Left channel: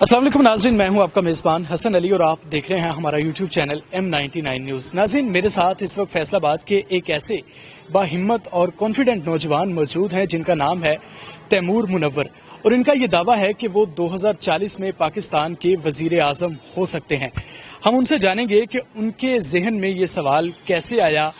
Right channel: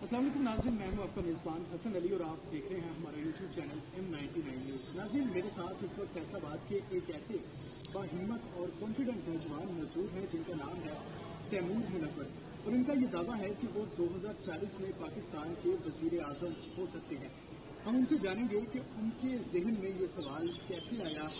अस्सलाम वालेकुम नाज़रीन, मैं हूं आपका मेज़बान हसन अली और आप देख रहे हैं हमारा यूट्यूब चैनल M99 न्यूज़। नाज़रीन, मेरे साथ इस वक्त फैसलाबाद के एक ऐसे बाहिम्मत और कॉन्फिडेंट नौजवान मौजूद हैं जिनका नाम है तैमूर मुनव्वर, और इनका ये दावा है कि वो 2040 में पाकिस्तान के वज़ीर आज़म हो सकते हैं। हम उनसे जानेंगे कि उनके जहन में ये सवाल कैसे आया,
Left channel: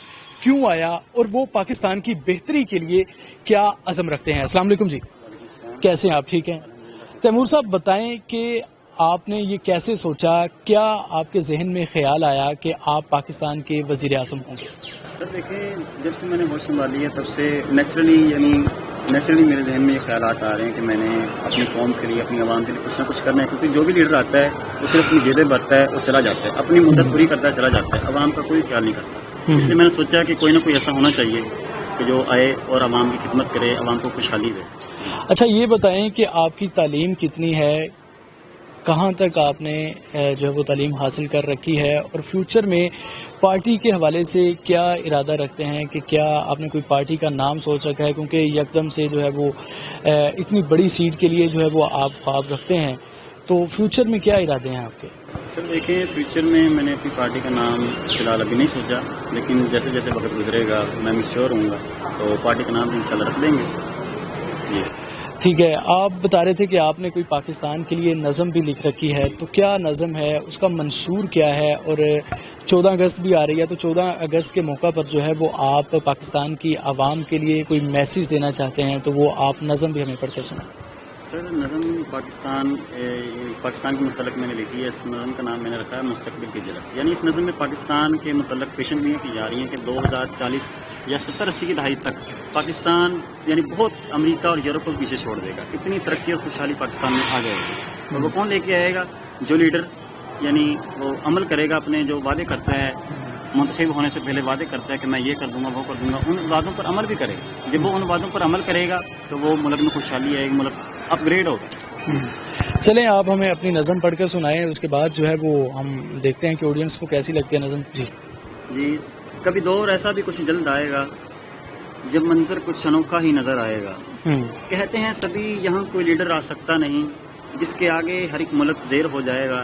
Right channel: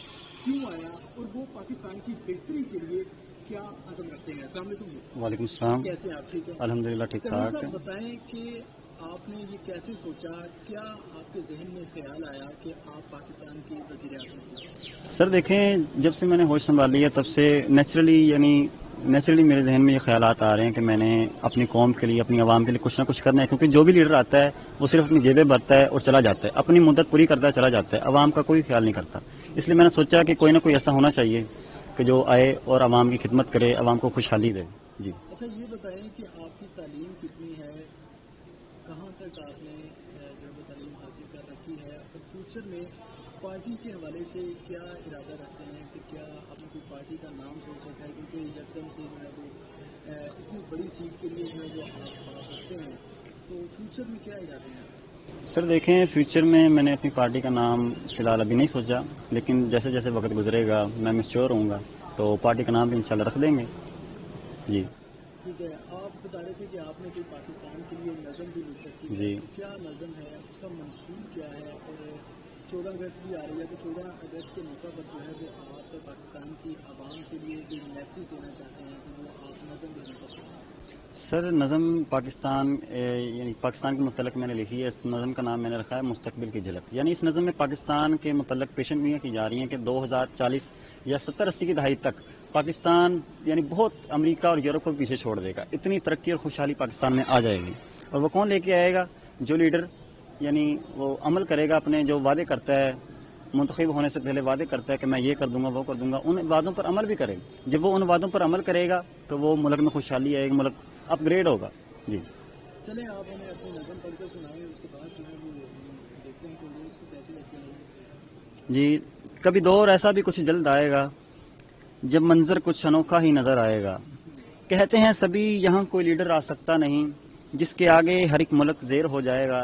क्यों आया, और वो पाकिस्तान की बेहतरी के लिए क्या अज़म रखते हैं। अस्सलाम वालेकुम जी। वालेकुम सलाम। कैसे हैं आप? ठीक हैं? अल्हम्दुलिल्लाह ठीक। तैमूर साहब, बताएं कि आपने ये कैसे सोचा, क्या आपके जहन में ख्याल आया कि आप पाकिस्तान के वज़ीर आज़म होंगे? सर देखें, जब से मैंने होश संभाली है तब से नेचुरली मेरे जहन में ये ख्यालात आ रहे हैं कि मैंने अपनी कौम के लिए, अपनी आवाम के लिए कुछ ना कुछ करना है, क्योंकि जो भी लीडर आता है वो सिर्फ अपनी जेबें भरता है और चला जाता है, अपनी मुद्दत पूरी करता है, चला जाता है, आवाम का कोई ख्याल नहीं करता। इसलिए मैंने सोचा कि कोई ना कोई ऐसा होना चाहिए कि जो आए और आवाम की खिदमत करे, आवाम को खुशहाली दे। अच्छा, ये बताएं कि आपकी तालीम कितनी है, कहाँ तक आपने जो है वो तालीम हासिल कर रखी है, और फ्यूचर में पार्टी के हवाले से क्या इरादा रखते हैं कि क्या आपने कोई पार्टी का नाम सोच रखा है, क्योंकि यकदम से जो है वो इतनी बड़ी सीट के लिए जो है वो आप ख्वाब रखते हैं, तो फ्यूचर में क्या इरादे हैं आपके? सर देखें, फ्यूचर में मैंने अपनी पार्टी का नाम फिलहाल अभी नहीं सोचा, लेकिन जैसे जैसे वक्त गुजरेगा मैं मैच्योर होऊंगा तो पार्टी का नाम भी इंशाल्लाह रख देंगे जी। ठीक है, आप बता रहे थे कि आपने कोई पाकिस्तान के लिए नज़म भी लिख रखी है, तो क्या नज़म है, उसका मंशूर क्या है? और 14 अगस्त भी आ रही है, तो 14 अगस्त के मौका पर जो है वो आप पाकिस्तान की आवाम के लिए कोई मैसेज देना चाहते हैं, तो वो आप नज़म भी हमें पढ़ कर सुनाएं। सर नज़म पाकिस्तान के मुतल्लिक़ मैंने लिखी है। इस नज़म का नाम मैंने रखा है मुस्तक़बिल की झलक। यानी इस नज़म में पाकिस्तान के मुतल्लिक़ पेशेंगोइयाँ की जा रही हैं कि 2040 या 70-80 की दहाई तक पाकिस्तान यानी बहुत अमेरिका और यूरोप को पीछे छोड़ देगा। इतनी तरक्की और खुशहाली पाकिस्तान में आ जाएगी। और वो कौन लेके आएगा? जो लीडर यानी वो अमल करेगा, अपने जो वादे करता है, मुंतखब होने से पहले वादे करता है कि मैं ये कर दूंगा, वो कर दूंगा, उन वादों पर अमल भी करेगा। जब वो उन वादों पर अमल करेगा तो वो मुल्क में खुशहाली आएगी, मुल्क अपग्रेड होगा। चलें, आप हमें अपनी नज़म पढ़कर सुनाएं, उसके बाद जो है वो हम देखते हैं कि ऑडियंस को कैसी लगती है नज़म। जी। कभी दौर ऐसा भी कुछ जल्द आएगा जब मंजर कुछ अनोखा ही नजर आएगा। कहते हैं सभी यहाँ कोई लीडर आ सकता नहीं, जिसके आगे हर एक मुल्क ज़ेर हो जाएगा,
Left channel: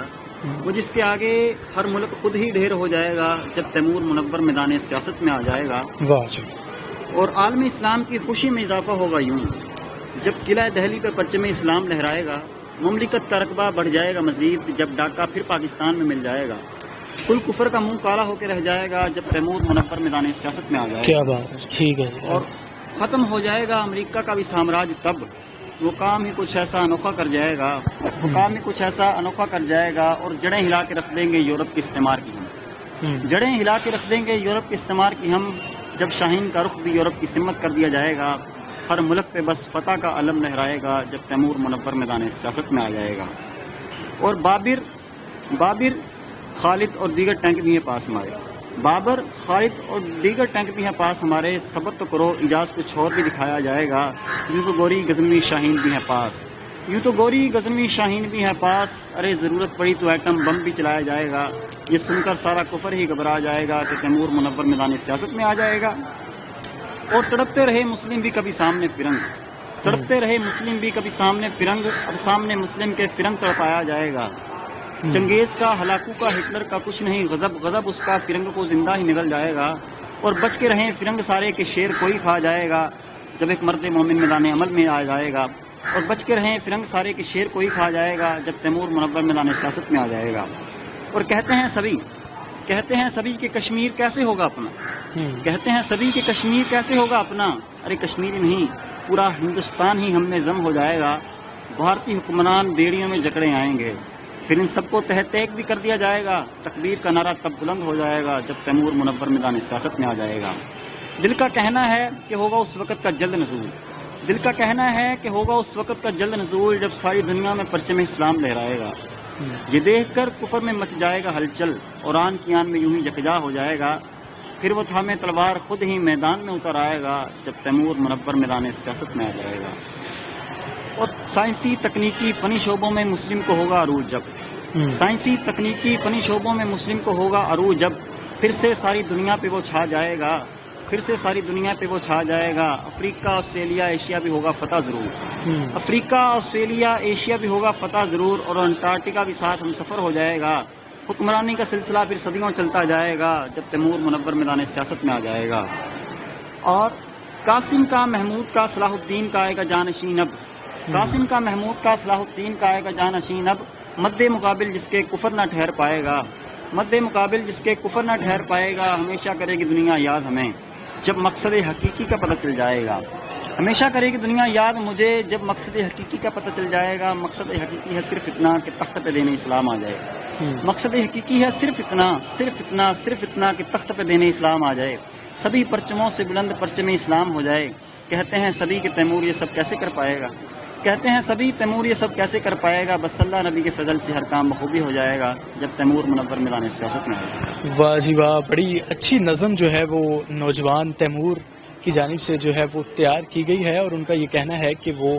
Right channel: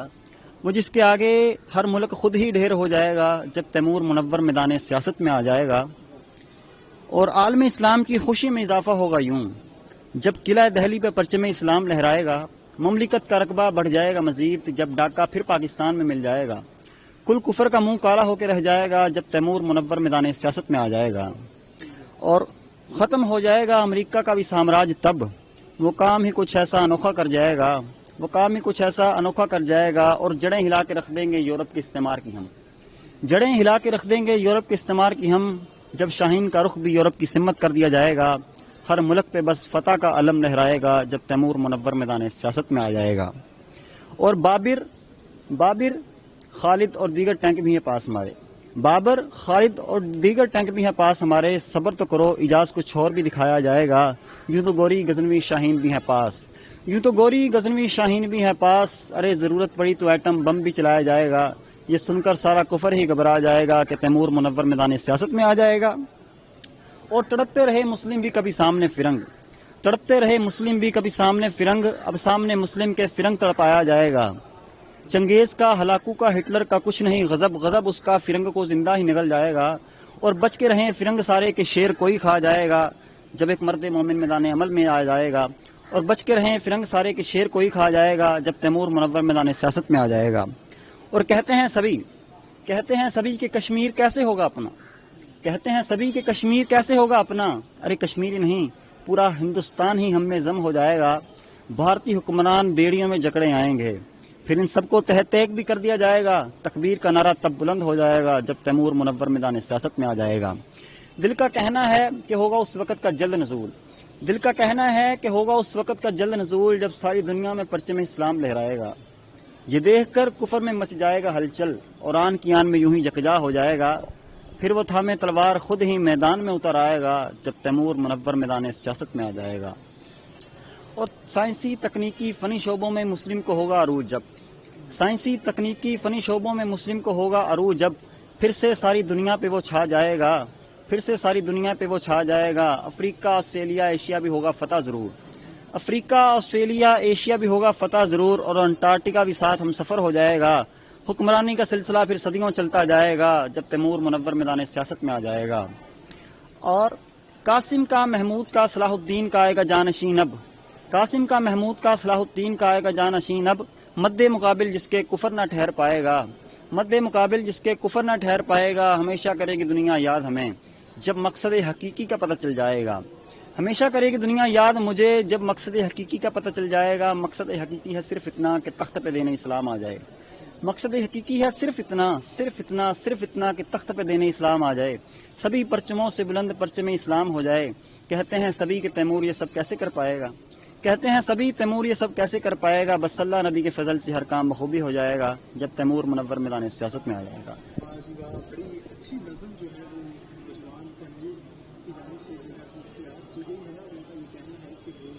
वो जिसके आगे हर मुल्क खुद ही ढेर हो जाएगा, जब तैमूर मुनव्वर मैदान सियासत में आ जाएगा। और आलम इस्लाम की खुशी में इजाफा होगा यूं, जब किला दहली पर परचम इस्लाम लहराएगा। मुमलिकत का रकबा बढ़ जाएगा मजीद, जब डाका फिर पाकिस्तान में मिल जाएगा। कुल कुफर का मुंह काला होकर रह जाएगा, जब तैमूर मुनव्वर मैदान सियासत में आ जाएगा। क्या बात है, ठीक है। और ख़त्म हो जाएगा अमेरिका का भी साम्राज्य तब, वो काम ही कुछ ऐसा अनोखा कर जाएगा, वो काम ही कुछ ऐसा अनोखा कर जाएगा। और जड़ें हिला के रख देंगे यूरोप के इस्तेमार की हम, जड़ें हिला के रख देंगे यूरोप के इस्तेमार की हम, जब शाहीन का रुख भी यूरोप की सिमत कर दिया जाएगा। हर मुल्क पे बस फतह का अलम लहराएगा, जब तैमूर मुनव्वर मैदान सियासत में आ जाएगा। और बाबर खालिद और दीगर टैंक भी हैं पास हमारे, बाबर खालिद और दीगर टैंक भी हैं पास हमारे। सब्र तो करो, इजाज़ कुछ और भी दिखाया जाएगा। यूँ तो गोरी गज़नवी शाहीन भी हैं पास, यूँ तो गोरी गज़नवी शाहीन भी हैं पास। अरे ज़रूरत पड़ी तो एटम बम भी चलाया जाएगा। ये सुनकर सारा कुफर ही घबरा जाएगा कि तैमूर मुनव्वर मैदान सियासत में आ जाएगा। और तड़पते रहे मुस्लिम भी कभी सामने फिरंग, तड़पते रहे मुस्लिम भी कभी सामने फिरंग, अब सामने मुस्लिम के फिरंग तड़पाया जाएगा। चंगेज का, हलाकू का, हिटलर का कुछ नहीं गजब, गजब उसका फिरंग को जिंदा ही निगल जाएगा। और बच के रहे फिरंग सारे के शेर कोई खा जाएगा, जब एक मर्द मोमिन मैदान अमल में आ जाएगा। और बच के रहे फिरंग सारे के शेर कोई खा जाएगा, जब तैमूर मुनव्वर मैदान सियासत में आ जाएगा। और कहते हैं सभी कि कश्मीर कैसे होगा अपना, कहते हैं सभी कि कश्मीर कैसे होगा अपना। अरे कश्मीर नहीं, पूरा हिंदुस्तान ही हम में जम हो जाएगा। भारतीय हुक्मरान बेड़ियों में जकड़े आएंगे, फिर इन सबको तहत भी कर दिया जाएगा। तकबीर का नारा तब बुलंद हो जाएगा, जब तैमूर मुनव्वर मैदान सियासत में आ जाएगा। दिल का कहना है कि होगा उस वक़्त का जल्द नज़ूल, दिल का कहना है कि होगा उस वक़्त का जल्द नज़ूल, जब सारी दुनिया में परचम इस्लाम लहराएगा। ये देखकर कुफर में मच जाएगा हलचल, और आन की आन में यूं ही यकजा हो जाएगा। फिर वो थामे तलवार खुद ही मैदान में उतर आएगा, जब तैमूर मुनव्वर मैदान सियासत में आ जाएगा। और साइंसी तकनीकी फ़नी शोबों में मुस्लिम को होगा अरूज जब, साइंसी तकनीकी फ़नी शोबों में मुस्लिम को होगा अरूज जब, फिर से सारी दुनिया पे वो छा जाएगा। پھر سے ساری دنیا پہ وہ چھا جائے گا. افریقہ آسٹریلیا ایشیا بھی ہوگا فتح ضرور. افریقہ آسٹریلیا ایشیا بھی ہوگا فتح ضرور, اور انٹارکٹیکا بھی ساتھ ہم سفر ہو جائے گا. حکمرانی کا سلسلہ پھر صدیوں چلتا جائے گا جب تیمور منور میدان سیاست میں آ جائے گا. اور قاسم کا محمود کا صلاح الدین کا آئے گا جانشین اب. قاسم کا محمود کا صلاح الدین کا آئے گا جانشین اب. مد مقابل جس کے کفر نہ ٹھہر پائے گا. مد مقابل جس کے کفر نہ ٹھہر پائے گا. ہمیشہ کرے گی دنیا یاد ہمیں جب مقصد حقیقی کا پتہ چل جائے گا. ہمیشہ کرے گی دنیا یاد مجھے جب مقصد حقیقی کا پتہ چل جائے گا. مقصد حقیقی ہے صرف اتنا کہ تخت پہ دین اسلام آ جائے. مقصد حقیقی ہے صرف اتنا, صرف اتنا, صرف اتنا کہ تخت پہ دین اسلام آ جائے. سبھی پرچموں سے بلند پرچم اسلام ہو جائے. کہتے ہیں سبھی کہ تیمور یہ سب کیسے کر پائے گا. کہتے ہیں سبھی تیمور یہ سب کیسے کر پائے گا. بس اللہ نبی کے فضل سے ہر کام بخوبی ہو جائے گا جب تیمور منور میدان سیاست میں آ جائے گا. واہ جی واہ, بڑی اچھی نظم جو ہے وہ نوجوان تیمور کی جانب سے جو ہے وہ تیار کی گئی ہے, اور ان کا یہ کہنا ہے کہ وہ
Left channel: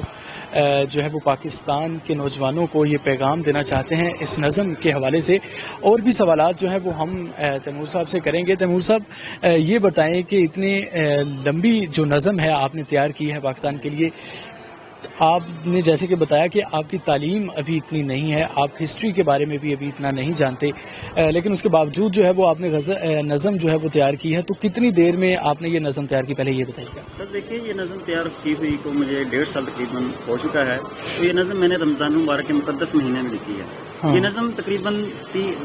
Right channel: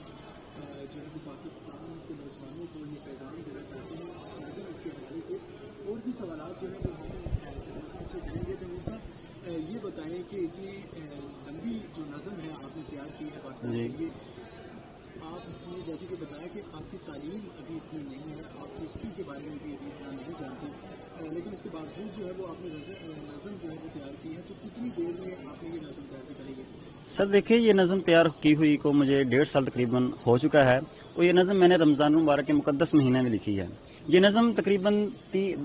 جو ہے وہ پاکستان کے نوجوانوں کو یہ پیغام دینا چاہتے ہیں اس نظم کے حوالے سے. اور بھی سوالات جو ہیں وہ ہم تیمور صاحب سے کریں گے. تیمور صاحب یہ بتائیں کہ اتنی لمبی جو نظم ہے آپ نے تیار کی ہے پاکستان کے لیے, آپ نے جیسے کہ بتایا کہ آپ کی تعلیم ابھی اتنی نہیں ہے, آپ ہسٹری کے بارے میں بھی ابھی اتنا نہیں جانتے, لیکن اس کے باوجود جو ہے وہ آپ نے نظم جو ہے وہ تیار کی ہے. تو کتنی دیر میں آپ نے یہ نظم تیار کی, پہلے یہ بتائیے گا. سر دیکھیے, یہ نظم تیار کی ہوئی کو مجھے 1.5 سال تقریباً ہو چکا ہے. تو یہ نظم میں نے رمضان المبارک کے مقدس مہینے میں لکھی ہے. یہ نظم تقریباً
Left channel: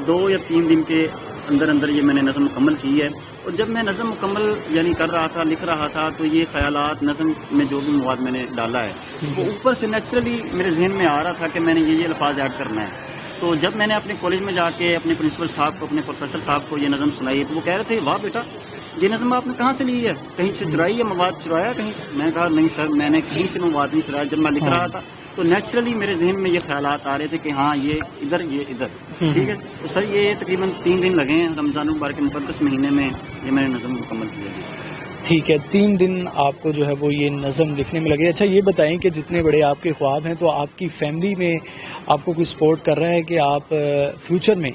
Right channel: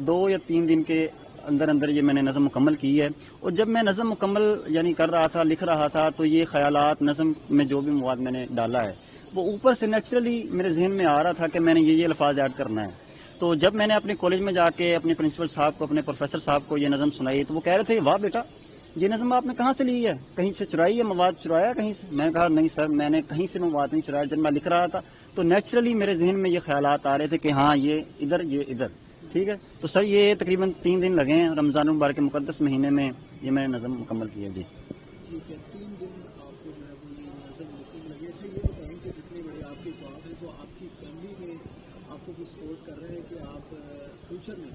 2 یا 3 دن کے اندر یہ میں نے نظم مکمل کی ہے. اور جب میں نظم مکمل یعنی کر رہا تھا, لکھ رہا تھا, تو یہ خیالات نظم میں جو بھی مواد میں نے ڈالا ہے وہ اوپر سے نیچرلی میرے ذہن میں آ رہا تھا کہ میں نے یہ الفاظ ایڈ کرنا ہے. تو جب میں نے اپنے کالج میں جا کے اپنے پرنسپل صاحب کو, اپنے پروفیسر صاحب کو یہ نظم سنائی, تو وہ کہہ رہے تھے واہ بیٹا یہ نظم آپ نے کہاں سے لی ہے, کہیں سے چرائی ہے, مواد چرایا کہیں سے. میں نے کہا نہیں سر, میں نے کہیں سے مواد نہیں چرایا. جب میں لکھ رہا تھا تو نیچرلی میرے ذہن میں یہ خیالات آ رہے تھے کہ ہاں یہ ادھر, یہ ادھر. ٹھیک ہے, تو سر یہ تقریباً 3 دن لگے ہیں رمضان المبارک کے مقدس مہینے میں یہ میں نے نظم مکمل کیا. جی ٹھیک ہے, 3 دن آپ کو جو ہے وہ یہ نظم لکھنے میں لگے. اچھا یہ بتائیں کہ جتنے بڑے آپ کے خواب ہیں, تو آپ کی فیملی میں آپ کو کوئی سپورٹ کر رہا ہے کہ آپ فیوچر میں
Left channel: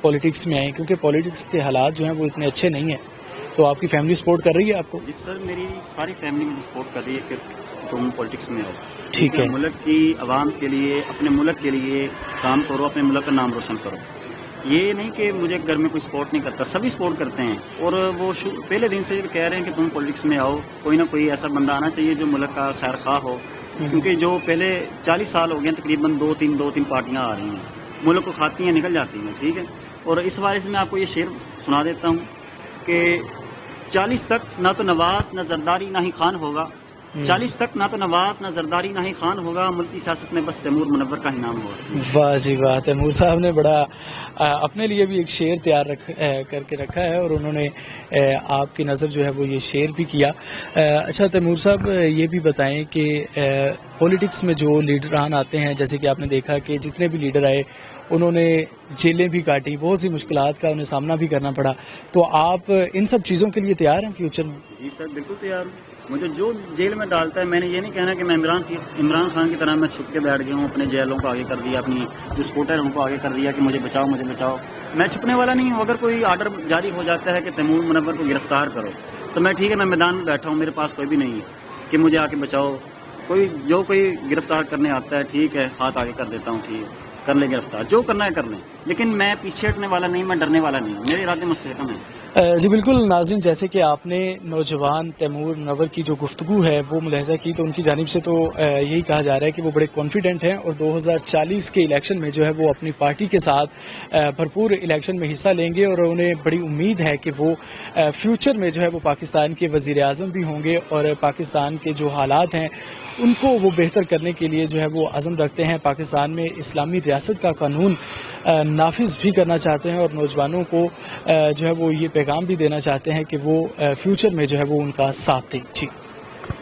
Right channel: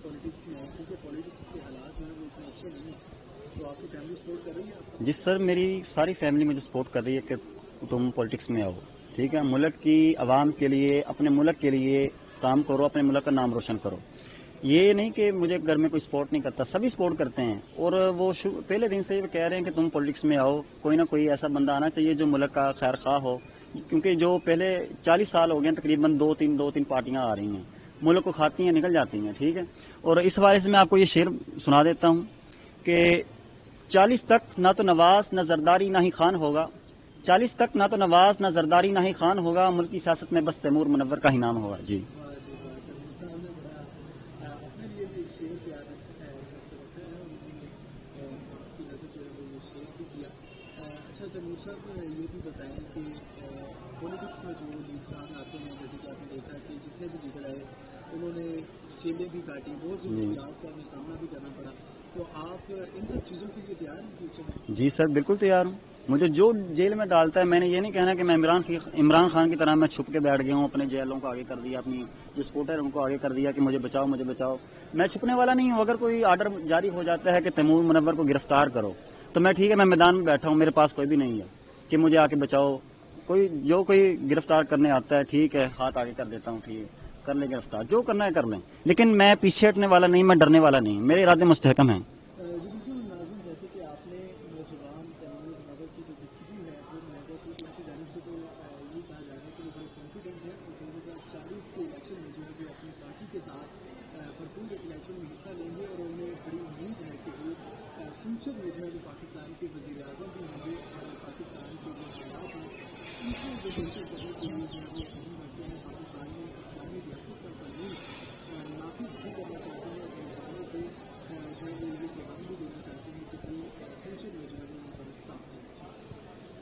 پولیٹکس میں آئیں, کیونکہ پولیٹکس کے حالات جو ہیں وہ اتنے اچھے نہیں ہیں, تو آپ کی فیملی سپورٹ کر رہی ہے آپ کو؟ جی سر, میری ساری فیملی مجھے سپورٹ کر رہی ہے کہ تم پولیٹکس میں آؤ. ٹھیک ہے, ملک کی عوام کے لیے, اپنے ملک کے لیے کام کرو, اپنے ملک کا نام روشن کرو. یہ نہیں کہ مجھے گھر میں کوئی سپورٹ نہیں کرتا, سبھی سپورٹ کرتے ہیں. اور وہ پہلے دن سے کہہ رہے ہیں کہ تم پولیٹکس میں آؤ, کوئی نہ کوئی ایسا بندہ آنا چاہیے جو ملک کا خیر خواہ ہو. کیونکہ جو پہلے 40 سال ہو گئے تقریباً 2-3 پارٹیاں آ رہی ہیں, ملک کو کھاتی ہیں, نکل جاتی ہیں. ٹھیک ہے, اور اس حوالے سے میں آپ کو یہ شعر سنا دیتا ہوں کہ 40 تک نہ تو نواز نہ زرداری نہ ہی خان ہوگا. 40 تک نہ تو نواز نہ زرداری نہ ہی خان ہوگا. ملکی سیاست میں بس تیمور منور کا ہی نام ہوگا. واہ جی واہ, تیمور صاحب نے بڑا اپنے لیے بھی ایک شعر تیار کر کے رکھا ہے, اور انہوں نے آپ کی نظر جو ہے وہ یہ شعر بھی کیا. اچھا تیمور صاحب یہ بھی بتائیں کہ پولیٹکس میں جو لیڈران آتے ہیں, جیسے کہ آپ نے دیکھا کہ جتنے بھی لیڈر آئے انہوں نے جیلیں بھی کاٹی, بہت سی مشکلات کا انہیں سامنا بھی کرنا پڑا, تو آپ ان سب چیزوں کے لیے تیار ہیں فیوچر میں؟ جی سر بالکل تیار ہوں. مجھے جو جیل میں ڈالتا ہے, میں نے یہ نہیں کہنا کہ میں عمران خان کی طرح میں چھپ کے بیٹھ گیا ہوں, اپنے جیلوں کو آگے کر دیا, اپنی جو سپورٹر ان کو آگے کر دیا کہ مجھے بچاؤ مجھے بچاؤ. میں چھپنے والا نہیں ہوں. اگر کوئی آرڈر جاری ہو جاتا ہے کہ تیمور منور کو گرفتار کرو, تو میں ٹھیک ہے, میں میدان میں بیٹھا ہوں, میرے پاس کوئی بھی نہیں ہے کہ مجھے آ کے بچاؤ. کوئی گرفتار کرنے آتا ہے, ٹھیک ہے, ہاتھ آگے کر دیتا ہوں کہ کر لیں گرفتار, جو کرنا ہے کر لیں, لیکن میں پیچھے ہٹنے والا نہیں, میں ڈرنے والا نہیں, میرے ارادے مستحکم ہیں. جی بالکل ناظرین, جیسے کہ آپ نے نوجوان تیمور منور کی جو گفتگو ہے وہ ملاحظہ کی, تو ان کی جانب سے تو یہی کہا جا رہا ہے کہ وہ بڑے کانفیڈنٹ ہیں, اور 2040 کے الیکشن میں جو ہے وہ اپنی پارٹی کے ساتھ بھرپور الیکشن میں حصہ لیں گے, اور انہیں بڑی امید ہے کہ وہ فیوچر میں جو ہے وہ پاکستان کے وزیر اعظم بھی ہوں گے, اور پاکستان کے جو حالات ہیں ان کو وہ بہتر کرنے کے لیے جو ہے وہ عزم رکھتے ہیں. پاکستان میں اسلامی ریاست کا قانون نافذ بھی کرنا چاہتے ہیں, اور نوجوانوں کو جو ہے وہ یہ پیغام بھی دینا چاہتے ہیں کہ وہ فیوچر میں جو ہے وہ ان کا ساتھ دیں. جی.